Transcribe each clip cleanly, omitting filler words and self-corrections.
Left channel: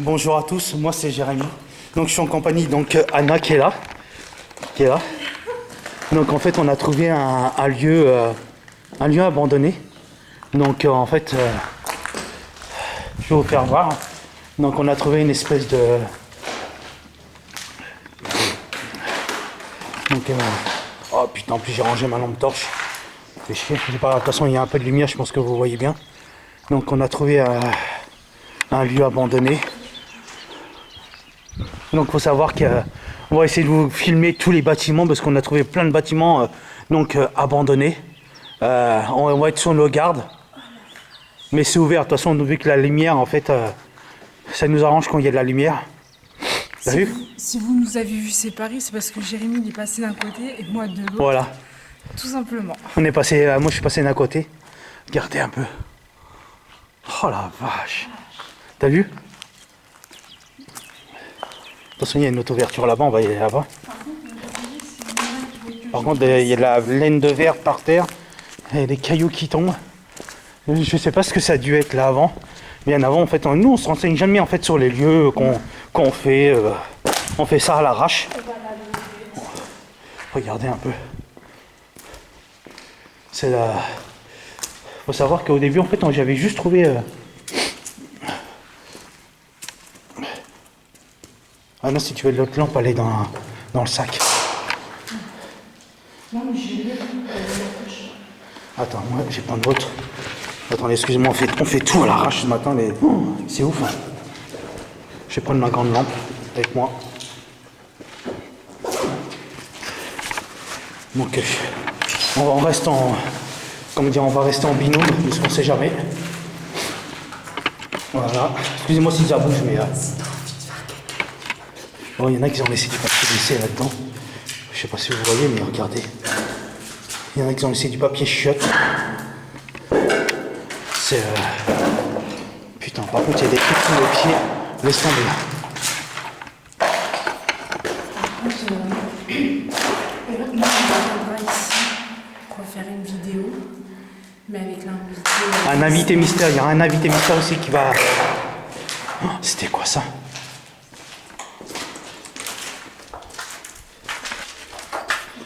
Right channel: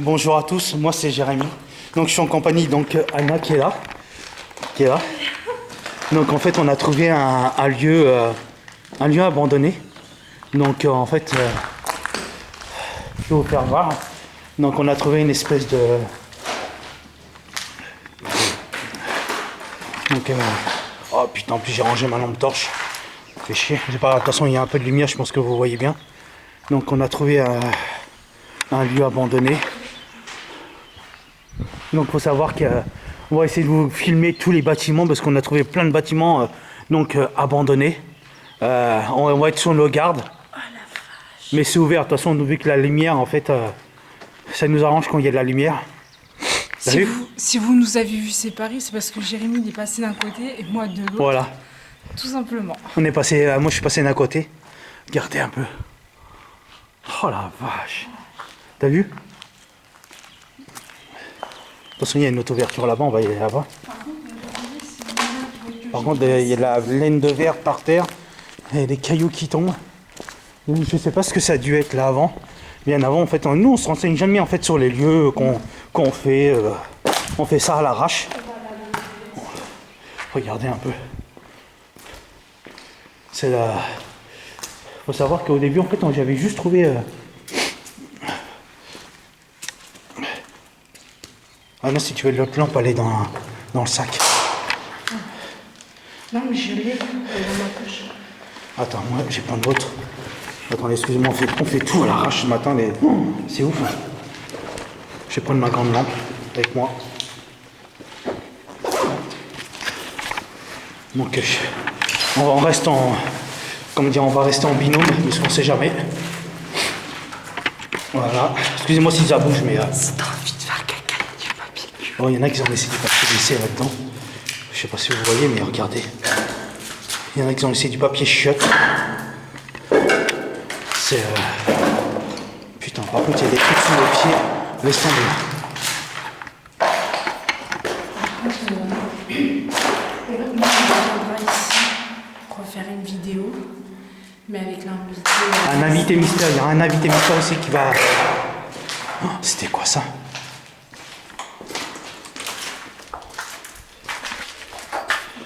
Bonjour à tous, moi c'est Jérémy. Donc je suis en compagnie Anna qui est là. Donc en fait on a trouvé un lieu abandonné. Donc en fait je vais vous faire voir. Donc on a trouvé une espèce de oh putain, en plus j'ai rangé ma lampe torche. Fait chier. C'est pas grave, de toute façon il y a un peu de lumière, je pense que vous voyez bien. Donc on a trouvé un lieu abandonné. Donc il faut savoir qu'on va essayer de vous filmer tous les bâtiments parce qu'on a trouvé plein de bâtiments abandonnés. On va être sur nos gardes. Mais c'est ouvert, de toute façon vu que la lumière en fait ça nous arrange quand il y a de la lumière. T'as vu ? Si vous nous avez vus séparés, c'est parce que Jérémy il est passé d'un côté et moi de l'autre. Voilà. Tout simplement. On est passé, moi je suis passé d'un côté. Regardez un peu. Oh la vache. T'as vu ? De toute façon, il y a une autre ouverture là-bas, on va y aller là-bas. Par contre, il y a de la laine de verre par terre, et des cailloux qui tombent. Je sais pas ce que ça a dû être là avant. Bien avant, en fait, nous on se renseigne jamais en fait sur les lieux qu'on fait. On fait ça à l'arrache. Regardez un peu. C'est la. Faut savoir qu'au début, en fait, j'avais juste trouvé. Ah non, si tu veux de l'autre lampe, elle est dans le sac. Non, mais je l'ai dans ma poche. Attends, moi j'ai plein d'autres. Attendez, excusez-moi, on fait tout à l'arrache ce matin. C'est ouf. Hein. Je vais prendre ma grande lampe avec moi. Donc, on reste en. Comment dire, on va rester en binôme, puisqu'on sait jamais. Voilà. Excusez-moi si ça bouge, mais. Si t'as envie de faire caca, du papier. Oh, il y en a qui ont laissé du papier glissé là-dedans. Je sais pas si vous voyez, mais regardez. Il y en a qui ont laissé du papier chiotte. C'est. Putain, par contre, il y a des trucs sous les pieds. Laisse tomber. Moi, on viendra ici refaire une vidéo, mais avec l'invité. Un invité mystère, il y a un invité mystère aussi qui va. Oh, c'était quoi ça?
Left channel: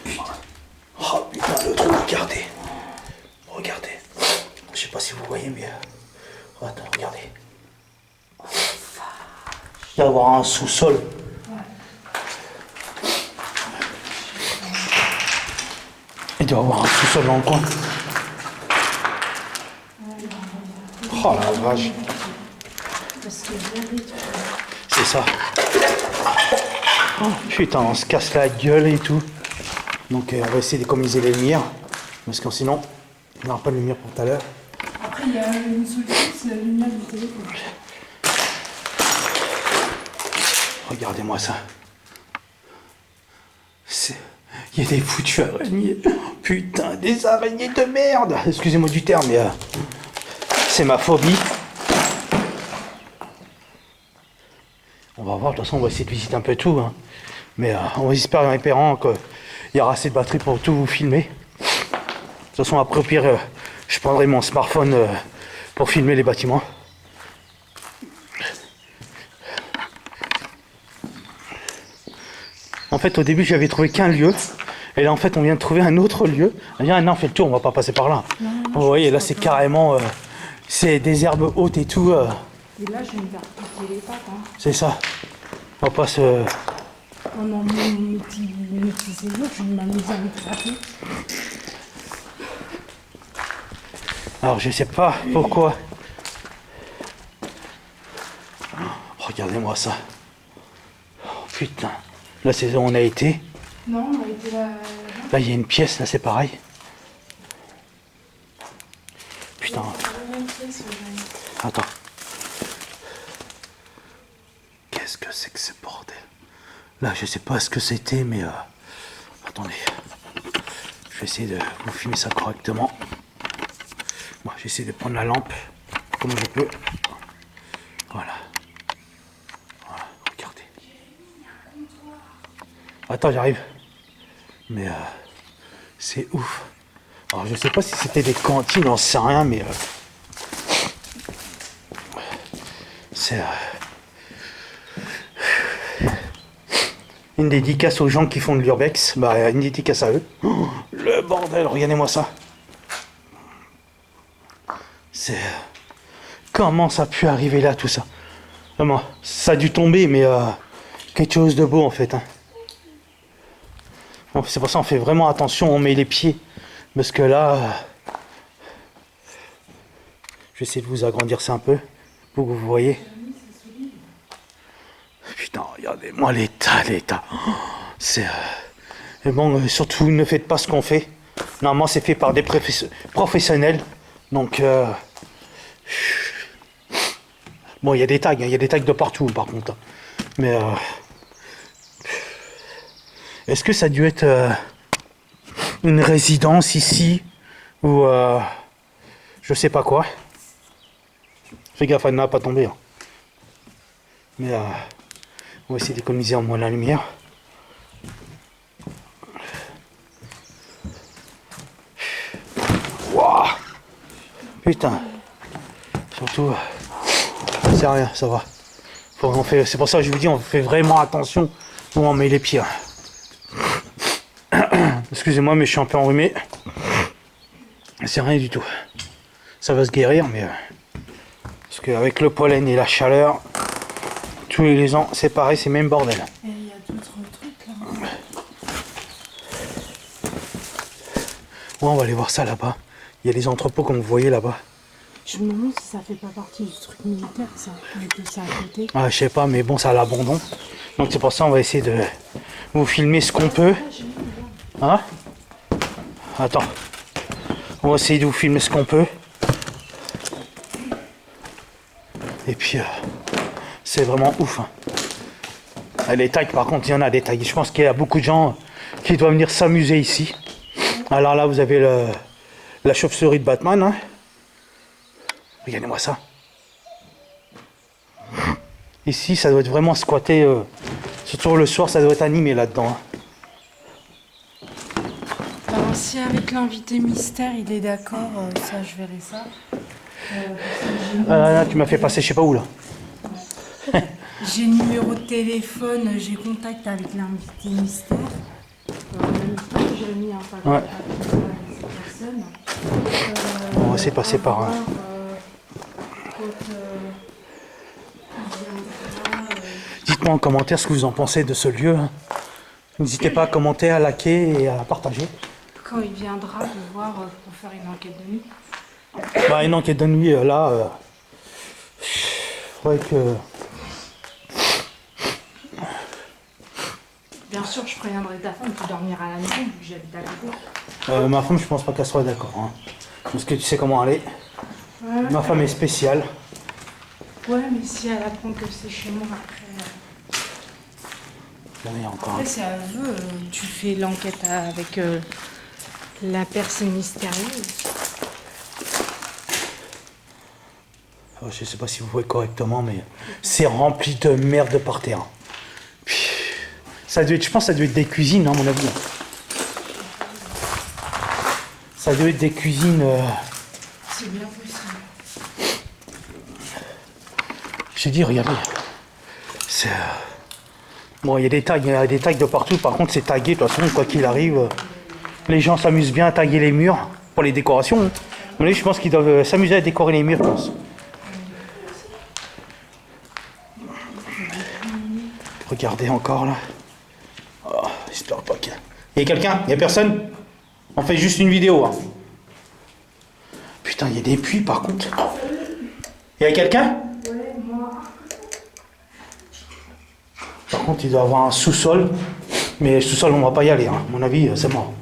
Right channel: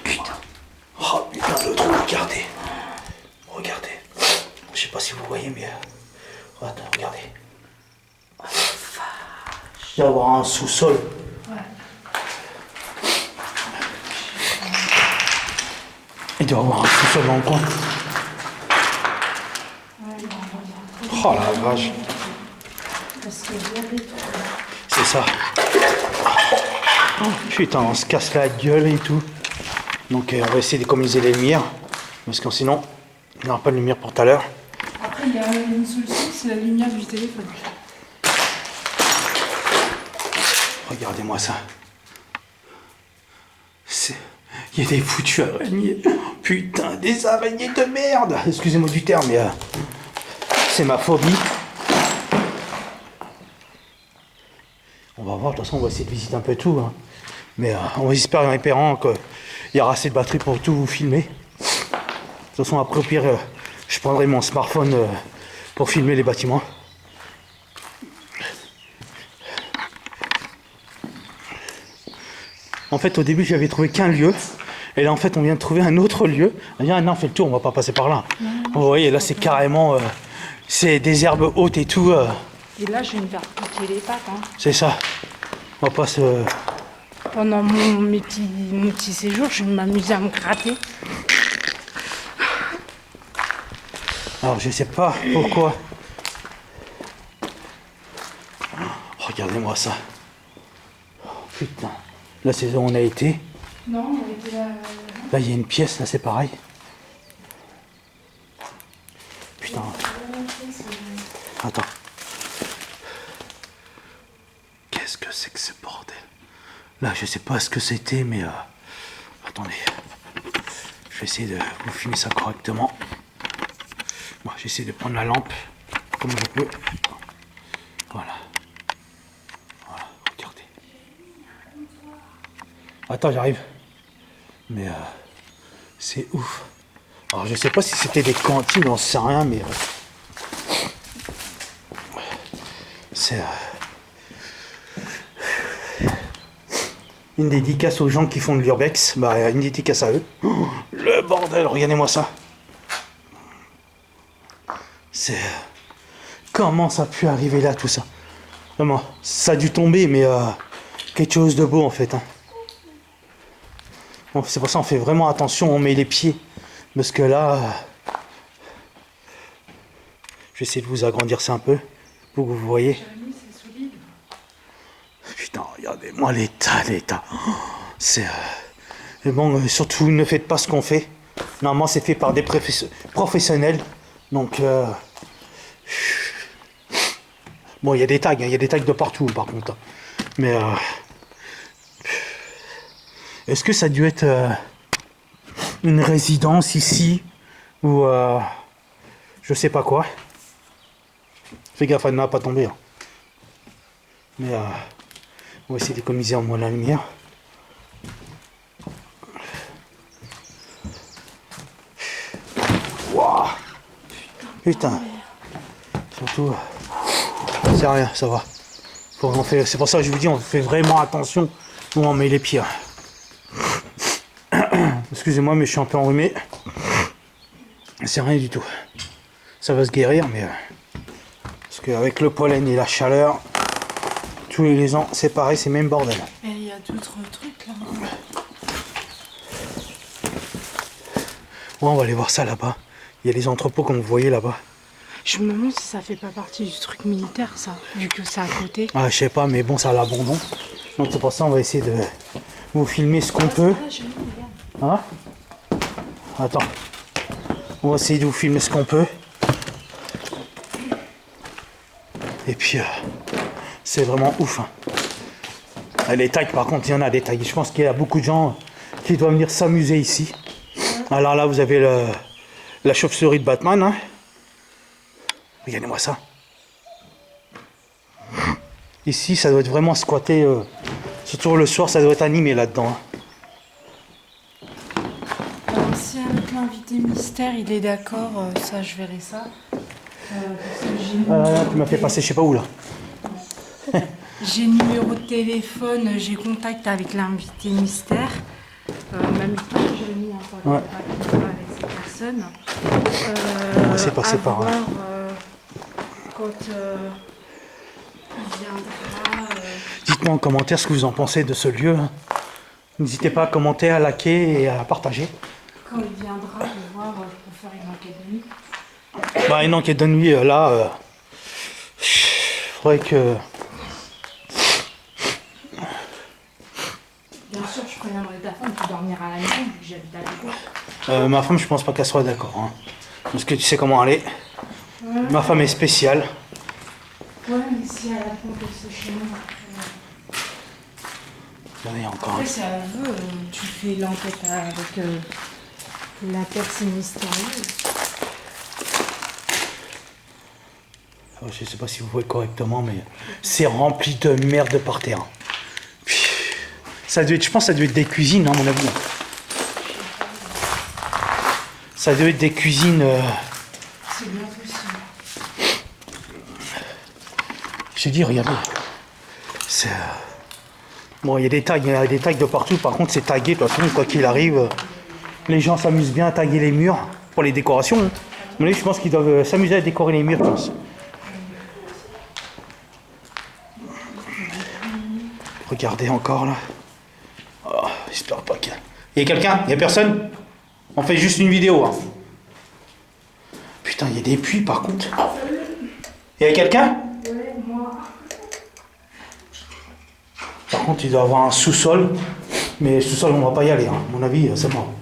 Putain. Oh putain, le trou, regardez. Regardez. Je sais pas si vous voyez, mais. Attends, regardez. Il doit y avoir un sous-sol. Il doit y avoir un sous-sol dans le coin. Oh la vache. C'est ça. Oh, putain, on se casse la gueule et tout. Donc on va essayer d'économiser les lumières. Parce que sinon, il n'y aura pas de lumière pour tout à l'heure. Après, il y a une solution, c'est la lumière du téléphone. Regardez-moi ça. Il y a des foutues araignées. Putain, des araignées de merde. Excusez-moi du terme, mais c'est ma phobie. On va voir, de toute façon, on va essayer de visiter un peu tout. Hein. Mais on va espérer en espérant qu'il y aura assez de batterie pour tout vous filmer. De toute façon, après, au pire, je prendrai mon smartphone pour filmer les bâtiments. En fait, au début, j'avais trouvé qu'un lieu. Et là, en fait, on vient de trouver un autre lieu. On dit, ah non, on fait le tour, on va pas passer par là. Non, vous voyez, là, c'est carrément... c'est des herbes hautes et tout. Et là, je vais me faire piquer les pattes. Hein. C'est ça. On va pas se... Pendant mes petits séjours, je vais m'amuser à me gratter. Alors, je sais pas pourquoi. Oh, regardez-moi ça. Oh, putain. Là, c'est où on a été. Non, on a été là... Là, il y a une pièce, là, c'est pareil. Putain. Attends. Qu'est-ce que c'est que ce bordel? Là, je sais pas ce que c'était, mais... Attendez. Je vais essayer de vous filmer ça correctement. Moi, j'essaie de prendre la lampe comme je peux. Voilà. Voilà, regardez. Attends, j'arrive. Mais c'est ouf. Alors, je sais pas si c'était des cantines, on sait rien, mais c'est Une dédicace aux gens qui font de l'urbex. Bah, une dédicace à eux. Oh, le bordel, regardez-moi ça. C'est... Comment ça a pu arriver là, tout ça? Vraiment, ça a dû tomber, mais quelque chose de beau, en fait. Hein. Bon, c'est pour ça qu'on fait vraiment attention, on met les pieds. Parce que là... je vais essayer de vous agrandir ça un peu, pour que vous voyez. Putain, regardez-moi l'état. Oh, c'est... Et bon, surtout, ne faites pas ce qu'on fait. Normalement, c'est fait par des professionnels. Donc... bon, il y a des tags, hein, il y a des tags de partout, par contre. Mais... est-ce que ça a dû être une résidence ici ou je sais pas quoi. Fais gaffe à ne pas tomber. Hein. Mais on va essayer d'économiser en moins la lumière. Wow. Putain. Surtout, c'est rien, ça va. C'est pour ça que je vous dis, on fait vraiment attention où on met les pieds. Excusez-moi, mais je suis un peu enrhumé. C'est rien du tout. Ça va se guérir, mais... parce qu'avec le pollen et la chaleur, tous les ans, c'est pareil, c'est même bordel. Et il y a d'autres trucs là. Ouais, on va aller voir ça là-bas. Il y a les entrepôts comme vous voyez là-bas. Je me demande si ça fait pas partie du truc militaire, ça, vu que c'est à côté. Ah, je sais pas, mais bon, ça a l'abandon. Donc c'est pour ça on va essayer de vous filmer ce qu'on peut. Hein? Attends. On va essayer de vous filmer ce qu'on peut. Et puis, c'est vraiment ouf. Hein. Les tags, par contre, il y en a des tags. Je pense qu'il y a beaucoup de gens qui doivent venir s'amuser ici. Alors là, vous avez la chauve-souris de Batman. Hein. Regardez-moi ça. Ici, ça doit être vraiment squatté. Surtout le soir, ça doit être animé là-dedans. Hein. Alors, si avec l'invité mystère, il est d'accord, ça, je verrai ça. Là, tu m'as fait passer je sais pas où là. J'ai numéro de téléphone, j'ai contact avec l'invité mystère. Même temps, j'ai mis un papier avec cette personne. On va essayer de passer par... quand il viendra... Dites-moi en commentaire ce que vous en pensez de ce lieu. Hein. N'hésitez pas à commenter, à liker et à partager. Quand il viendra me voir pour faire une enquête de nuit. Bah, une enquête de nuit, là... faudrait que... Bien sûr, je préviendrai ta femme, tu dormiras à la maison, vu que j'habite à côté. ma femme, je pense pas qu'elle soit d'accord. Hein. Parce que tu sais comment elle est. Ouais. Ma femme est spéciale. Ouais, mais si elle apprend que c'est chez moi, après... Regardez, encore. Après, si elle veut, tu fais l'enquête avec la personne mystérieuse. Je sais pas si vous voyez correctement, mais c'est rempli de merde par terre. Ça doit être, je pense que ça doit être des cuisines, à mon avis. Ça doit être des cuisines... C'est bien possible. J'ai dit, regardez. C'est... bon, il y a des tags de partout. Par contre, c'est tagué. De toute façon, quoi qu'il arrive, les gens s'amusent bien à taguer les murs pour les décorations. Mais je pense qu'ils doivent s'amuser à décorer les murs, je pense. Regardez encore, là. Oh, j'espère pas qu'il y a... Il y a quelqu'un? Il y a personne? On fait juste une vidéo. Hein. Putain, il y a des puits, par contre. Il y a quelqu'un? Ouais, moi. Par contre, il doit y avoir un sous-sol. Mais sous-sol, on va pas y aller. Hein. À mon avis, c'est mort.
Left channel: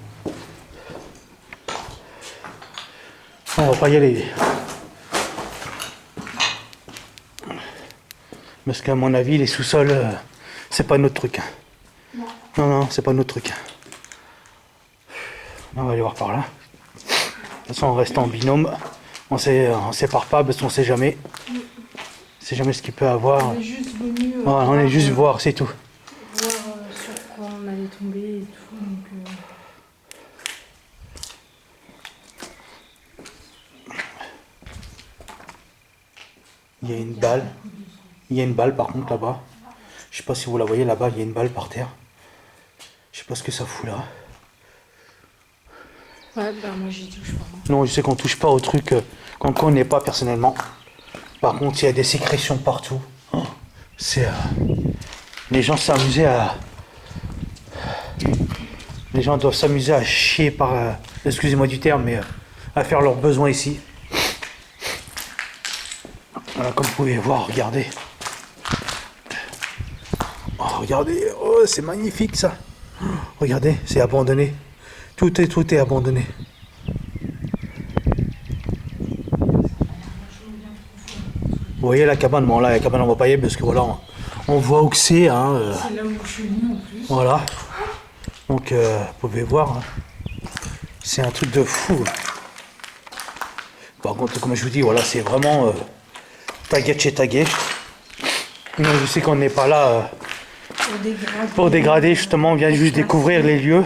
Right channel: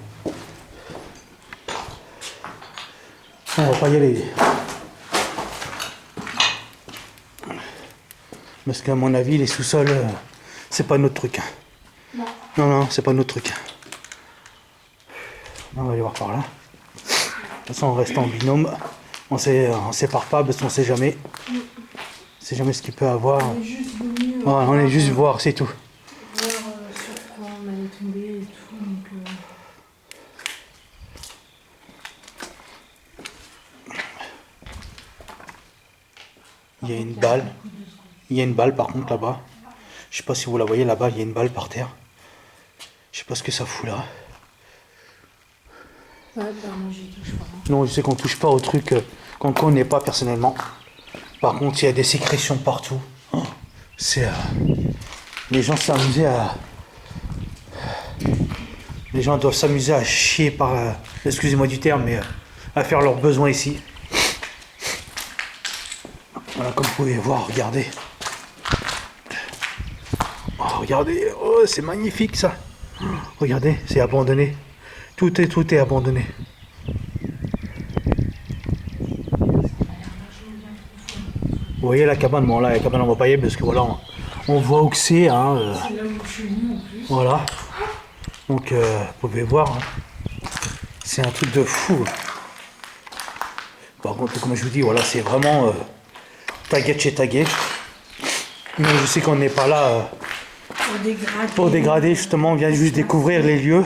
On va pas y aller. Parce qu'à mon avis, les sous-sols, c'est pas notre truc. Non. Non, c'est pas notre truc. On va aller voir par là. De toute façon, on reste en binôme. On sépare pas parce qu'on sait jamais. On sait jamais ce qu'il peut avoir. On est juste venu On est juste voir, c'est tout. voir sur quoi on allait tomber et tout. Donc, Il y a une balle. Il y a une balle par contre là-bas. Je sais pas si vous la voyez là-bas, il y a une balle par terre. Je sais pas ce que ça fout là. Ouais, bah moi j'y touche pas. Non, je sais qu'on touche pas au truc qu'on connaît pas personnellement. Par contre, il y a des sécrétions partout. Oh, c'est... les gens s'amusaient à... Les gens doivent s'amuser à chier par... excusez-moi du terme, mais à faire leurs besoins ici. Voilà, comme vous pouvez voir, regardez. Oh, regardez, oh, c'est magnifique ça. Oh, regardez, c'est abandonné. Tout est abandonné. Vous voyez la cabane, bon là la cabane on va pas y aller parce que voilà, on voit où que c'est. Hein, c'est là où je suis venue en plus. voilà. Donc vous pouvez voir, hein. C'est un truc de fou. Par contre, comme je vous dis, voilà, c'est vraiment taguet chez taguet. Mais je sais qu'on n'est pas là pour dégrader, justement, on vient juste découvrir les lieux.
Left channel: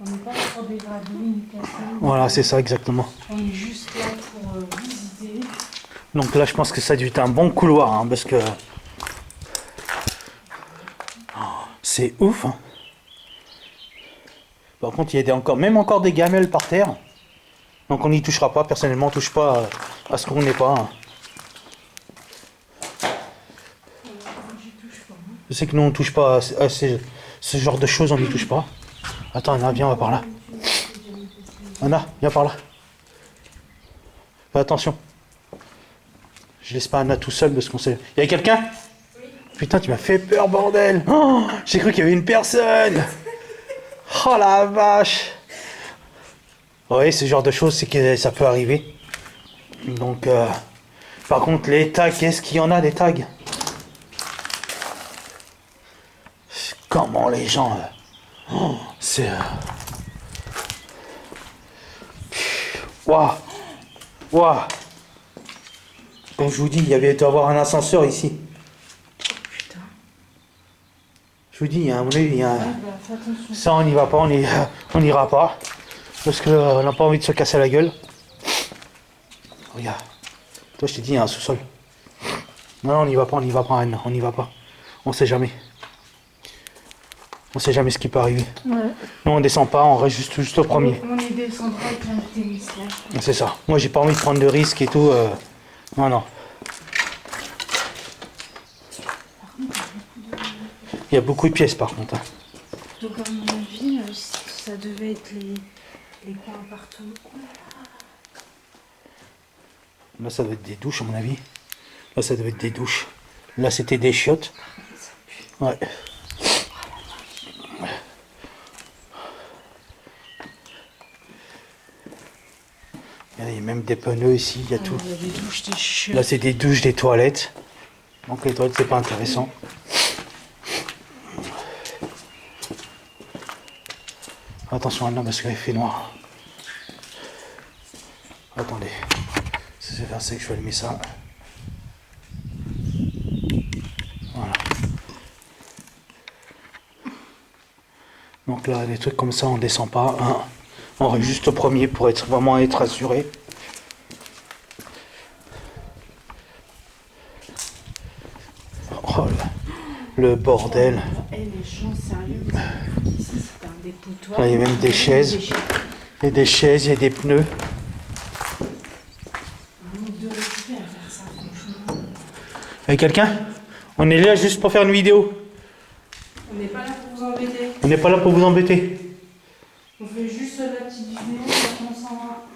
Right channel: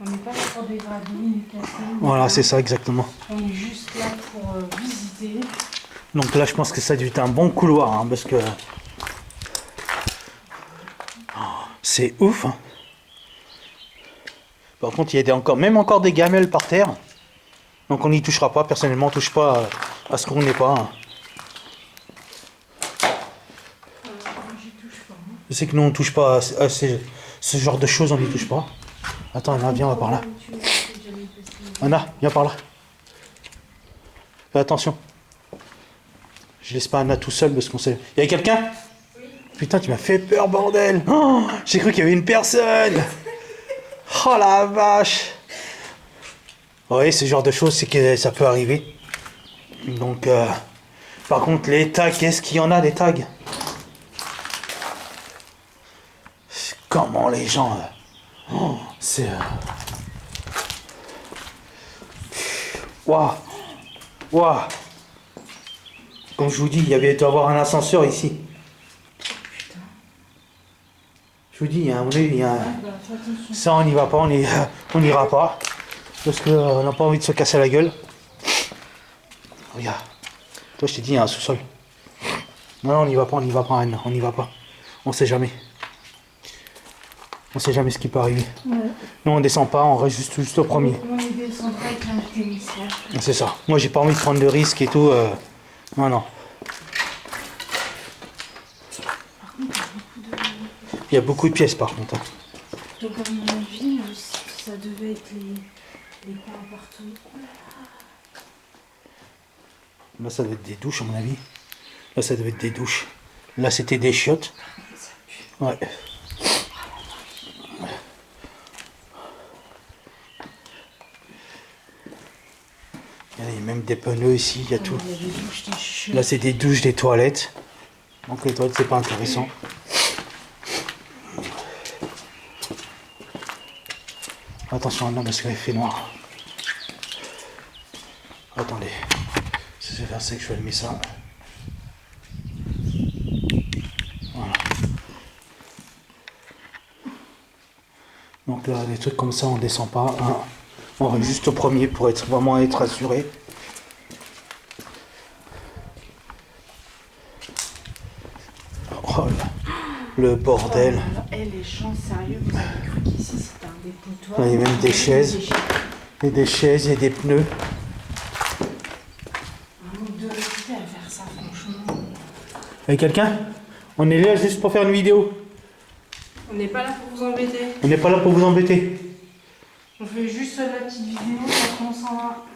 On n'est pas là pour dégrader ni casser. Voilà, c'est ça exactement. On est juste là pour visiter. Donc là, je pense que ça a dû être un bon couloir, hein, parce que c'est ouf. Hein. Par contre, il y a même encore des gamelles par terre. Donc on n'y touchera pas. Personnellement, on ne touche pas à ce qu'on n'est pas. Hein. J'y touche pas. Je sais que nous, on ne touche pas à ce genre de choses, on n'y touche pas. Attends, Anna, viens, on va par là. Anna, viens par là. Fais attention. Je laisse pas Anna tout seul parce qu'on sait... Il y a quelqu'un? Oui. Putain, tu m'as fait peur, bordel. Oh, j'ai cru qu'il y avait une personne. Oh la vache. Oui, ce genre de choses, c'est que ça peut arriver. Donc, par contre, les tags, qu'est-ce qu'il y en a des tags? Comment les gens... oh, c'est... Waouh. Waouh. Comme je vous dis, il doit y avoir un ascenseur ici. Putain. Je vous dis, à mon avis, il y a un... Ah, bah, fais attention. Ça, on n'y va pas, on n'ira pas. Parce qu'on n'a pas envie de se casser la gueule. Regarde. Toi, je t'ai dit, il y a un sous-sol. Non, on n'y va pas, Anne. On n'y va pas. On sait jamais. On sait jamais ce qui peut arriver. Ouais. Nous, on descend pas, on reste juste au premier. On est descendra avec l'invité mystère. C'est ça. Moi, j'ai pas envie de prendre de risques et tout. Non, non. Il y a beaucoup de pièces, par contre. Hein. Donc, à mon avis, ça devait être les coins partout. Là, ça doit être des douches, à mon avis. Là, ça devait être des douches. Là, c'était des chiottes. Ouais. Il y a même des pneus ici, il y a tout. Il y a des douches, des chiottes. Là, c'est des douches, des toilettes. Donc, les toilettes, c'est pas intéressant. Attention, Anna, parce qu'il fait noir. Attendez. C'est vers ça que je vais allumer ça. Voilà. Donc là, des trucs comme ça, on descend pas. Hein. On reste juste au premier pour vraiment être assuré. Oh là, le bordel. Eh, les gens sérieux, vous avez cru qu'ici c'était un dépotoir? Là, il y a même des chaises. Il y a des chaises, il y a des pneus. On devait réussir à faire ça, franchement. Il y a quelqu'un? On est là juste pour faire une vidéo. On n'est pas là pour vous embêter. On n'est pas là pour vous embêter. On fait juste la petite vidéo, après on s'en va.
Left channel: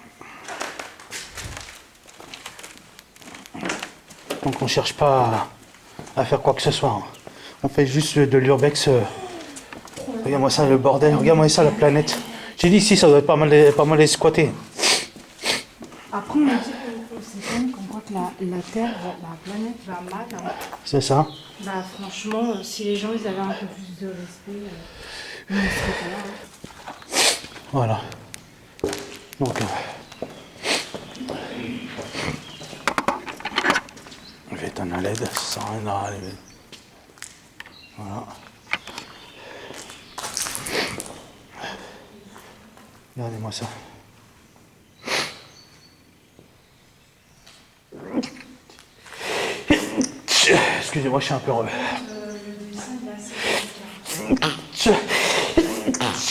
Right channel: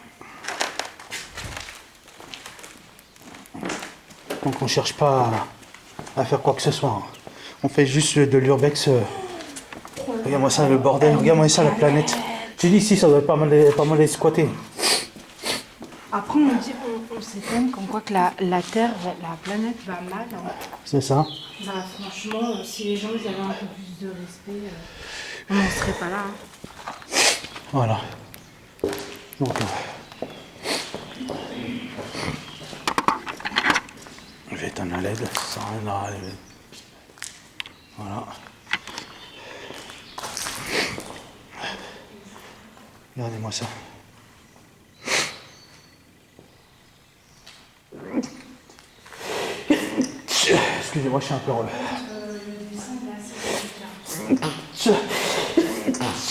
Donc on cherche pas à faire quoi que ce soit. Hein. On fait juste de l'urbex. Regarde-moi ça, le bordel. Regarde-moi ça, la planète. J'ai dit ici, ça doit être pas mal squatté. Après, on sait quand même comme quoi que la Terre, la planète va mal. Hein. C'est ça. Bah, franchement, si les gens ils avaient un peu plus de respect, on ne serait pas là. Hein. Voilà. Donc, je vais éteindre la LED, ça sert à rien là. Voilà. Regardez-moi ça. Excusez-moi, je suis un peu... Le dessin, il est assez délicat.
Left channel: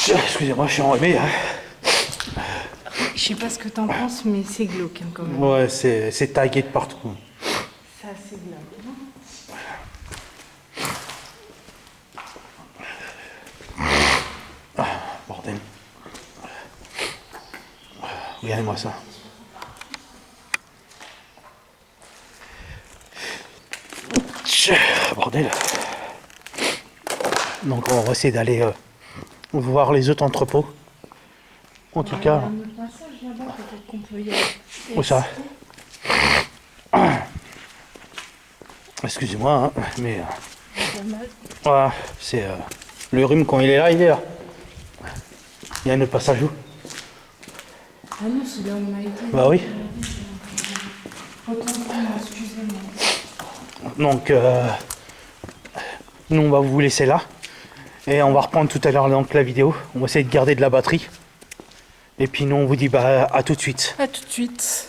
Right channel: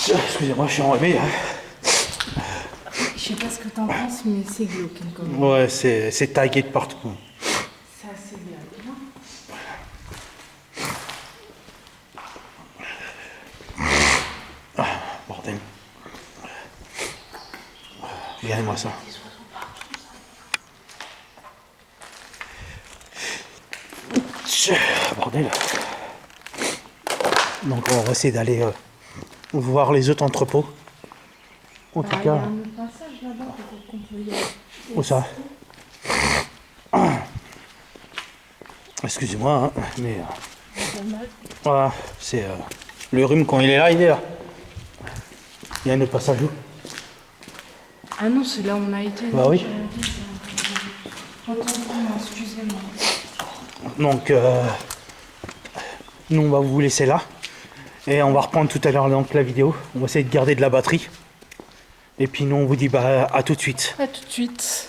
Excusez-moi, je suis enrhumé. Je sais pas ce que t'en penses, mais c'est glauque hein, quand même. Ouais, c'est tagué de partout. Ça, c'est glauque. Bordel. Regardez-moi ça. Bordel. Donc on va essayer d'aller voir les autres entrepôts. En tout Il y cas. a un autre passage là-bas, peut-être qu'on peut y aller. Où ça? Excusez-moi, hein, mais voilà, c'est le rhume quand il est là, il est là. Il y a un autre passage où? Ah non, c'est là où on a été. Bah oui. Autant pour moi, excusez-moi. Donc, nous on va vous laisser là. Et on va reprendre tout à l'heure donc la vidéo. On va essayer de garder de la batterie. Et puis nous on vous dit bah à tout de suite. À tout de suite.